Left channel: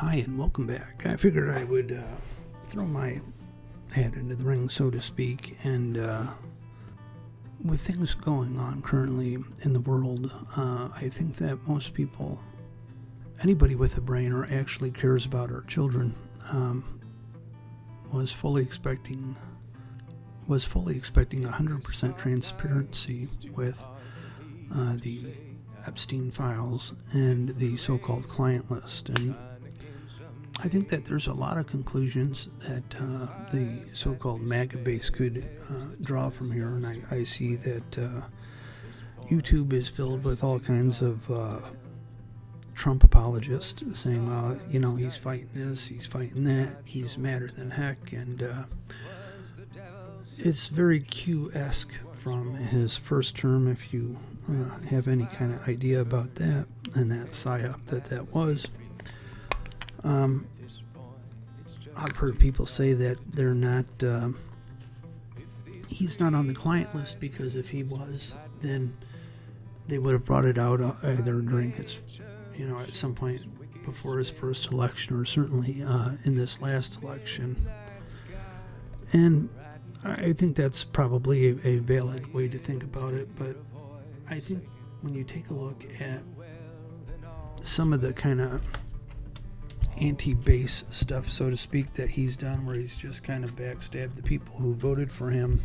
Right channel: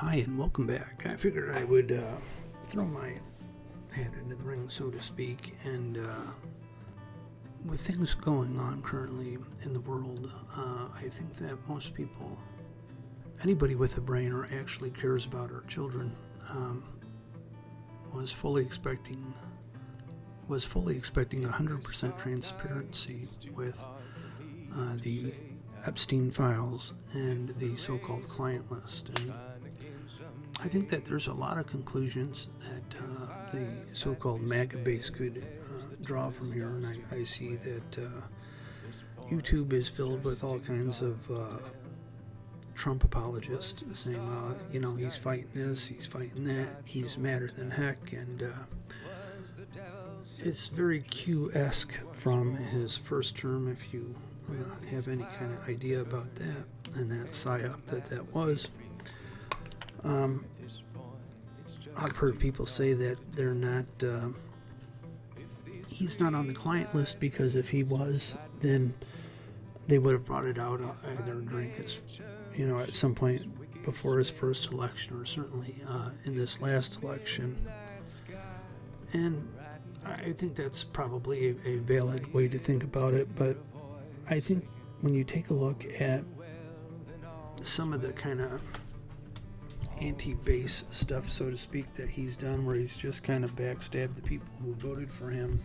Hi, and welcome back. I figured I would throw my hat into the ring, so to speak, and with things going on currently in the world, I think that most people, anybody with a brain or actually cares about our children, was fully expecting 100% transparency with the Epstein files and the so-called client list. And I think that there's a lot of conclusions that the so-called MAGA base could draw from here, and I see that YouTube is filled with all kinds of Trump apologists saying, he's fighting this, he's fighting that, he's madder than heck, and it's very Q-esque from his first term, if you have any kind of idea about that, and that psyop that was. I've heard people say that they're not, he's not on the client list because if he was, then they would have brought it out either during his, at some point before his first election or certainly in this last election. And I think that's probably a valid way to think about it, but I think when you take a look at some of the kind of anti-base stuff, so to speak, that he's done, where he's just kind of backstabbed the people who voted for him,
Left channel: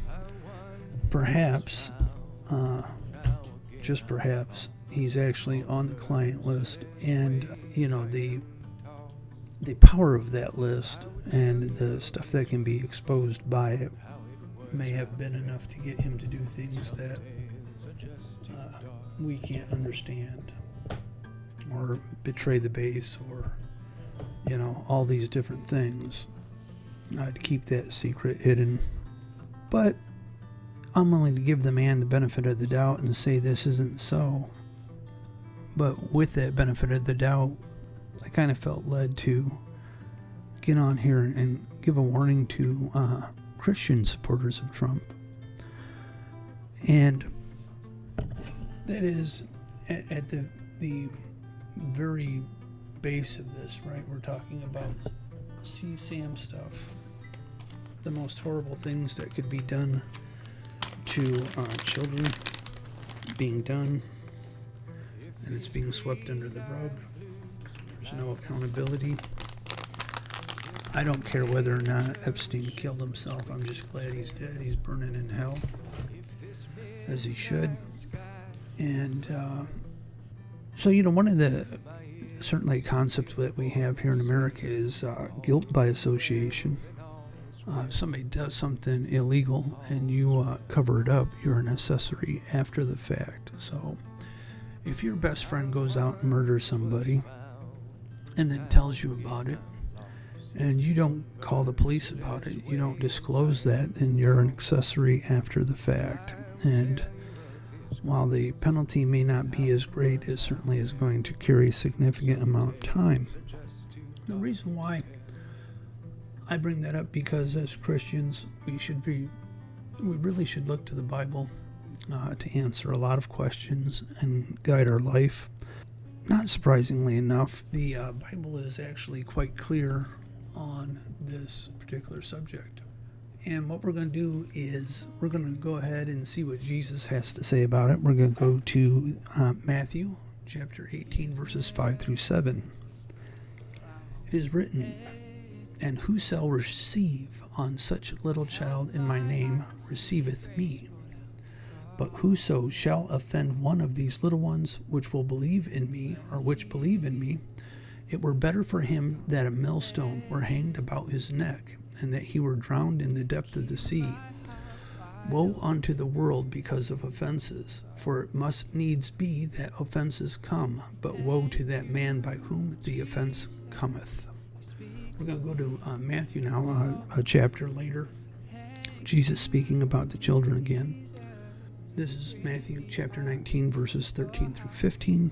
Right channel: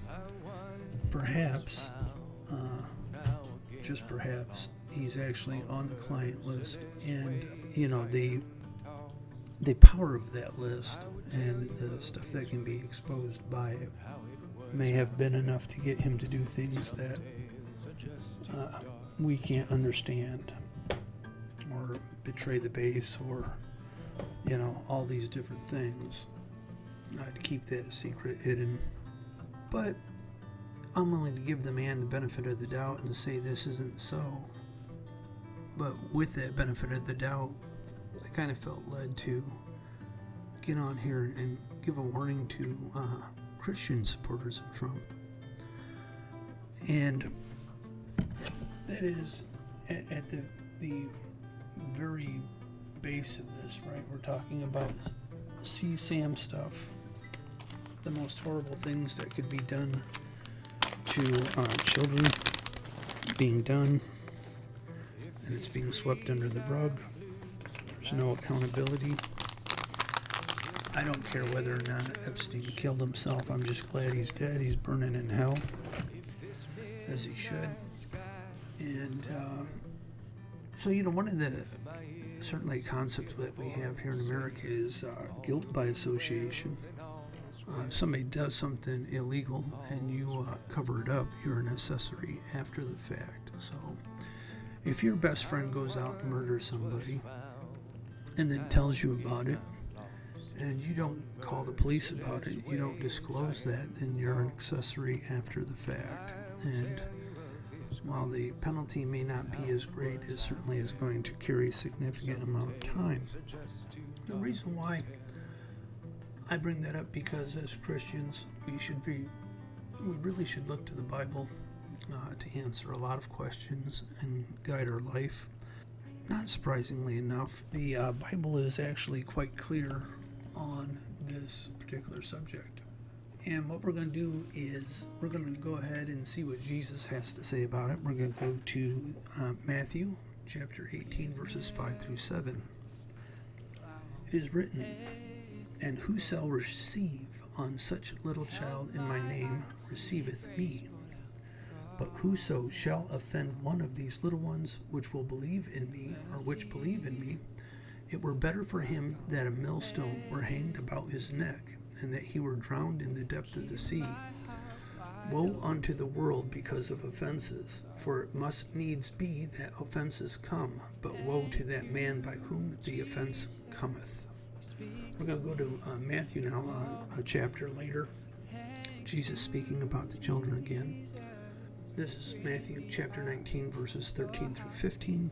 perhaps, just perhaps, he's actually on the client list, and the power of that list and the stuff that can be exposed by it may have been enough to get him to do things that we can't understand, or betray the base, or all these different things, to keep that secret hidden. But I'm willing to give the man the benefit of the doubt and say this isn't so. But with that benefit of the doubt, I kind of felt led to get on here and give a warning to Christian supporters of Trump. And that is at the very base of this, right? We're talking about CSAM stuff, the most horrible things that could be done to children being done, and it's being swept under the rug. There's no accountability. I don't care whether or not Epstein killed himself. I'm just glad he's dead. He's burning in hell, as he should. And so, one of the certainly concepts that we have here in America is guilt by association. If somebody does something illegal and you cover it up, you're an accessory after the fact. So if your best friend goes out and murders somebody and then tells you about it, and you don't call the police about it, you don't disclose that, then you're an accessory after the fact. And while the penalty may not be as great, it certainly is going to carry a significant amount of time. The reason why I bring that up, because as Christians, we really should look to the Bible to answer a lot of questions and guide our life. Not surprisingly enough, the Bible is actually quite clear on this particular subject. And what we're going to do is we're going to go ahead and see what Jesus has to say about it. We're going to go to Matthew chapter 18, verses 5 through 7. It is written, "And who shall receive on such a little child in my name receiveth me. But whoso shall offend one of these little ones which believe in me, it were better for him that a millstone were hanged about his neck, and that he were drowned in the depth of the sea. Woe unto the world because of offenses, for it must needs be that offenses come, but woe to that man by whom the offense cometh." We're going to go to Matthew now, a chapter later. Jesus speaking about the children again. This is Matthew chapter 19, verses 13 through 15.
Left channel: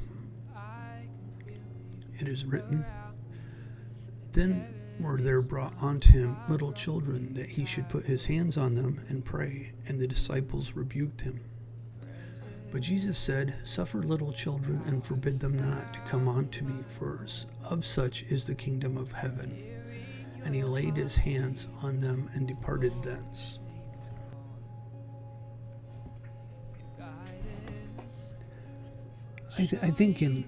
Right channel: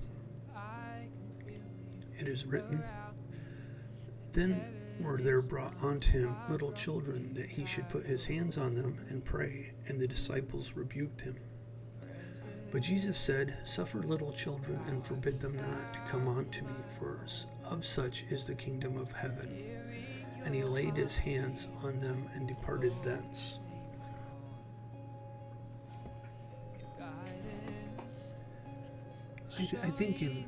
It is written, "Then were there brought unto him little children, that he should put his hands on them and pray, and the disciples rebuked him. But Jesus said, "Suffer little children and forbid them not to come unto me, for of such is the kingdom of heaven." And he laid his hands on them and departed thence. I think in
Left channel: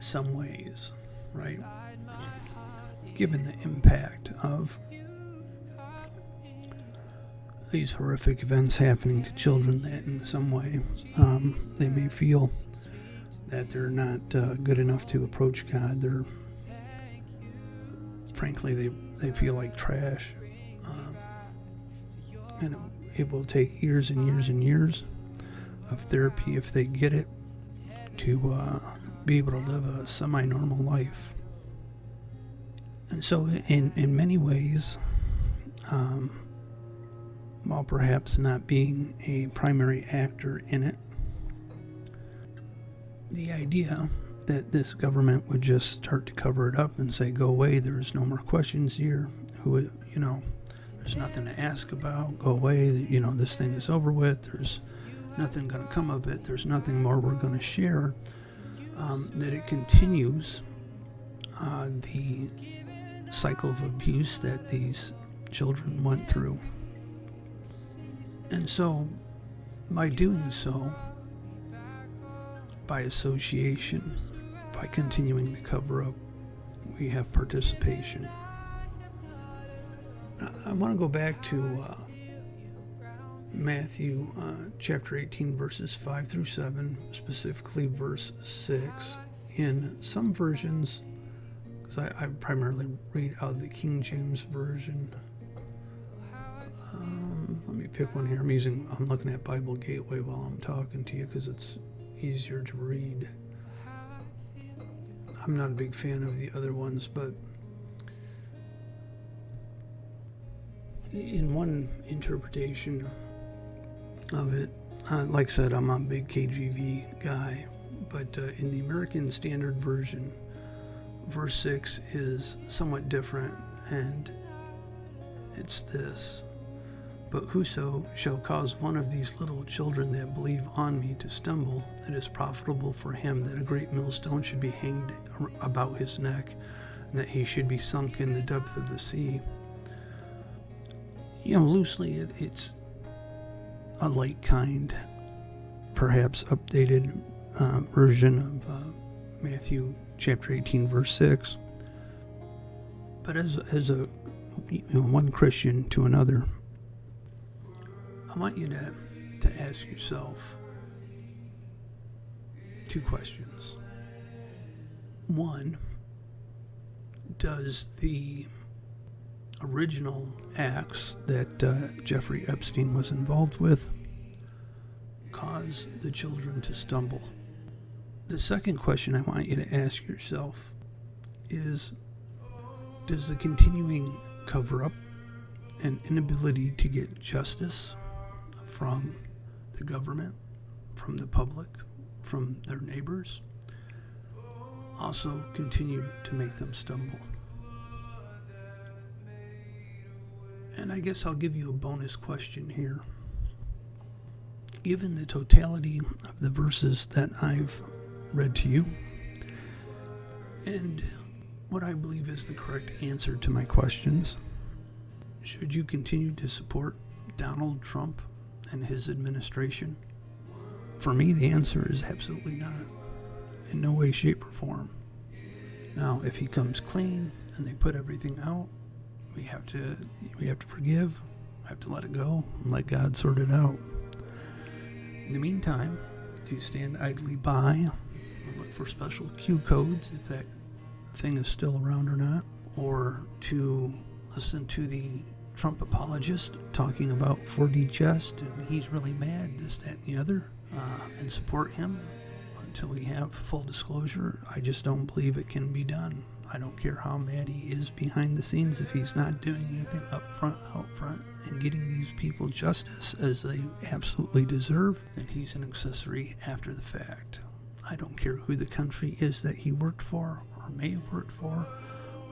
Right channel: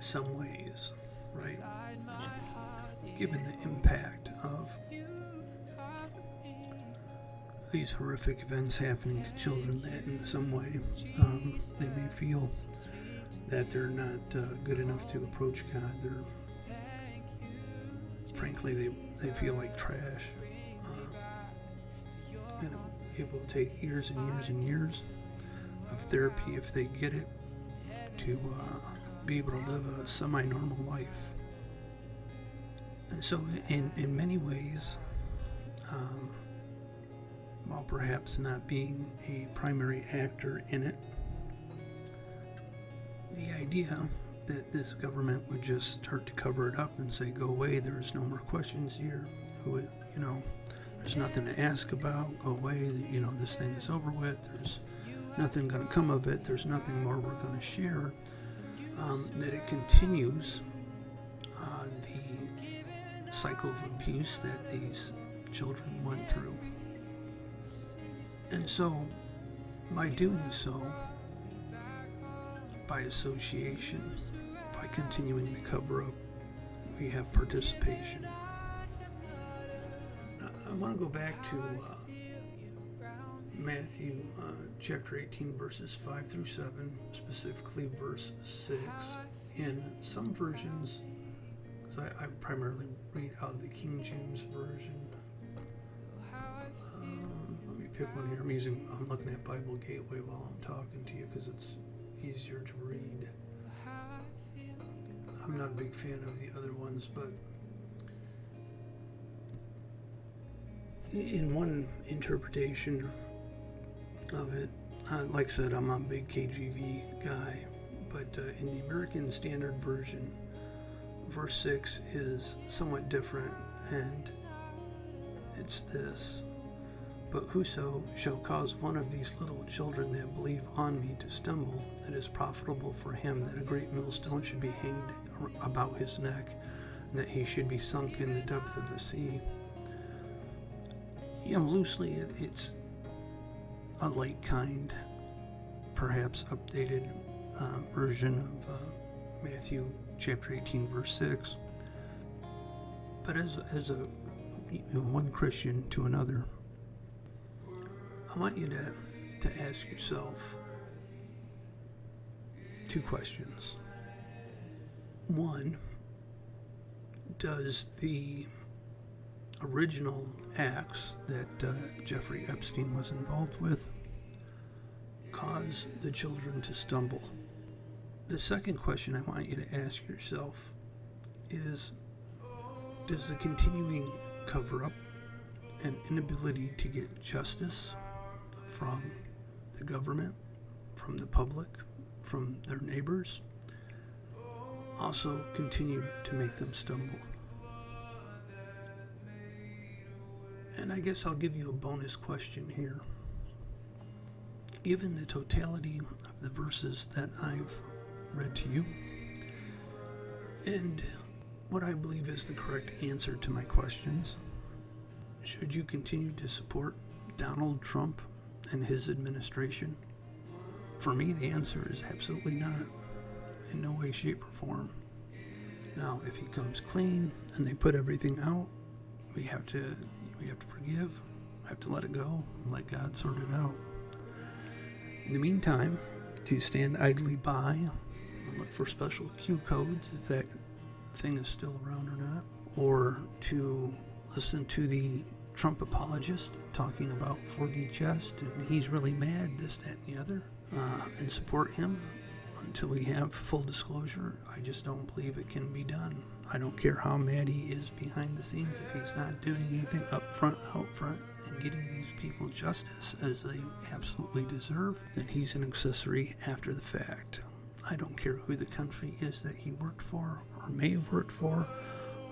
some ways, right, given the impact of these horrific events happening to children, that in some way they may feel that they're not good enough to approach God. Frankly, they feel like trash. And it will take years and years and years of therapy, if they get it, to be able to live a semi-normal life. And so in many ways, while perhaps not being a primary actor in it, the idea that this government would just start to cover it up and say, "Go away, there's no more questions here, there's nothing to ask about, go away, this thing is over with, there's nothing going to come of it, there's nothing more we're going to share," that it continues the cycle of abuse that these children went through. And so, by doing so, by association, by continuing the cover-up, we have participation. I want to go back to Mathew chapter 18, verses 5 through 7, specifically verse 6. In some versions, because I primarily read out of the King James Version. Let me pick one here. I'm looking at Bible Gateway while I'm talking to you because it's easier to read. I'm not a big fan of the other ones, but in one interpretation of it, like I said, I'm not a big KJV guy, but in the American Standard Version, verse 6 is somewhat different, and it's this: "But whoso shall cause one of these little children that believe on me to stumble, it is profitable for him that a great millstone should be hanged about his neck, and that he should be sunk in the depth of the sea." Loosely, it's a like kind, perhaps updated version of Matthew chapter 18, verse 6. But as a one Christian to another, I want you to ask yourself two questions. One, does the original acts that Jeffrey Epstein was involved with cause the children to stumble? The second question I want you to ask yourself is, does the continuing cover-up and inability to get justice from the government, from the public, from their neighbors, also continue to make them stumble? And I guess I'll give you a bonus question here. Given the totality of the verses that I've read to you, and what I believe is the correct answer to my questions, should you continue to support Donald Trump and his administration? For me, the answer is absolutely not. In no way, shape, or form. Now, if he comes clean and they put everything out, we have to forgive, have to let it go, and let God sort it out. In the meantime, to stand idly by and look for special Q codes if that thing is still around or not, or to listen to the Trump apologist talking about 4D chest and he's really mad, this, that, and the other, and support him until we have full disclosure. I just don't believe it can be done. I don't care how mad he is behind the scenes. If he's not doing anything out front, and getting these people justice as they absolutely deserve, then he's an accessory after the fact. I don't care who the country is that he worked for or may have worked for,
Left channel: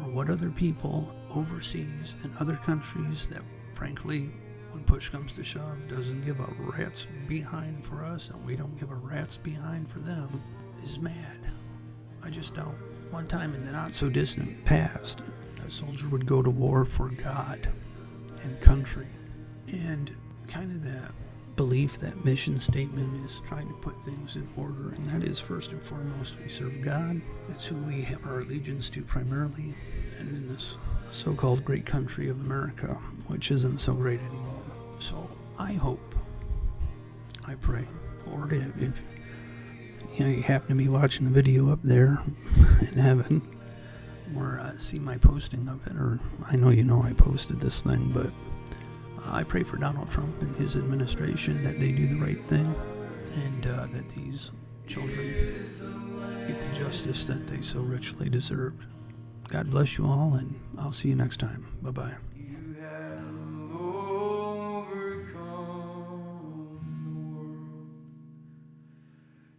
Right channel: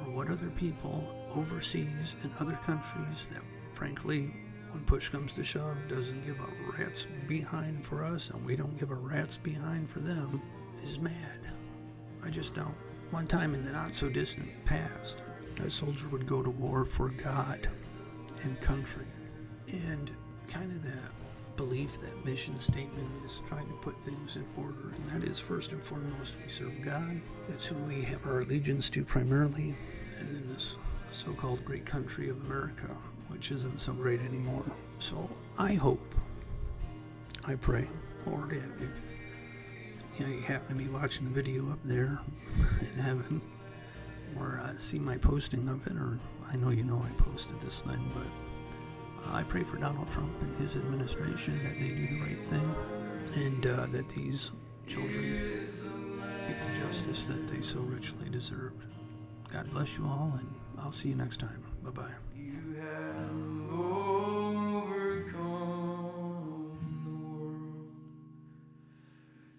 or what other people overseas in other countries that frankly when push comes to shove, doesn't give a rat's behind for us, and we don't give a rat's behind for them, is mad. I just don't. One time in the not-so-distant past, a soldier would go to war for God and country. And kind of that belief, that mission statement is trying to put things in order. And that is, first and foremost, we serve God. That's who we have our allegiance to primarily. And then this so-called great country of America, which isn't so great anymore. So I hope, I pray, Lord, if you happen to be watching the video up there in heaven, or see my posting of it, or I know I posted this thing, but I pray for Donald Trump and his administration that they do the right thing, and that these children get the justice that they so richly deserved. God bless you all, and I'll see you next time. Bye-bye.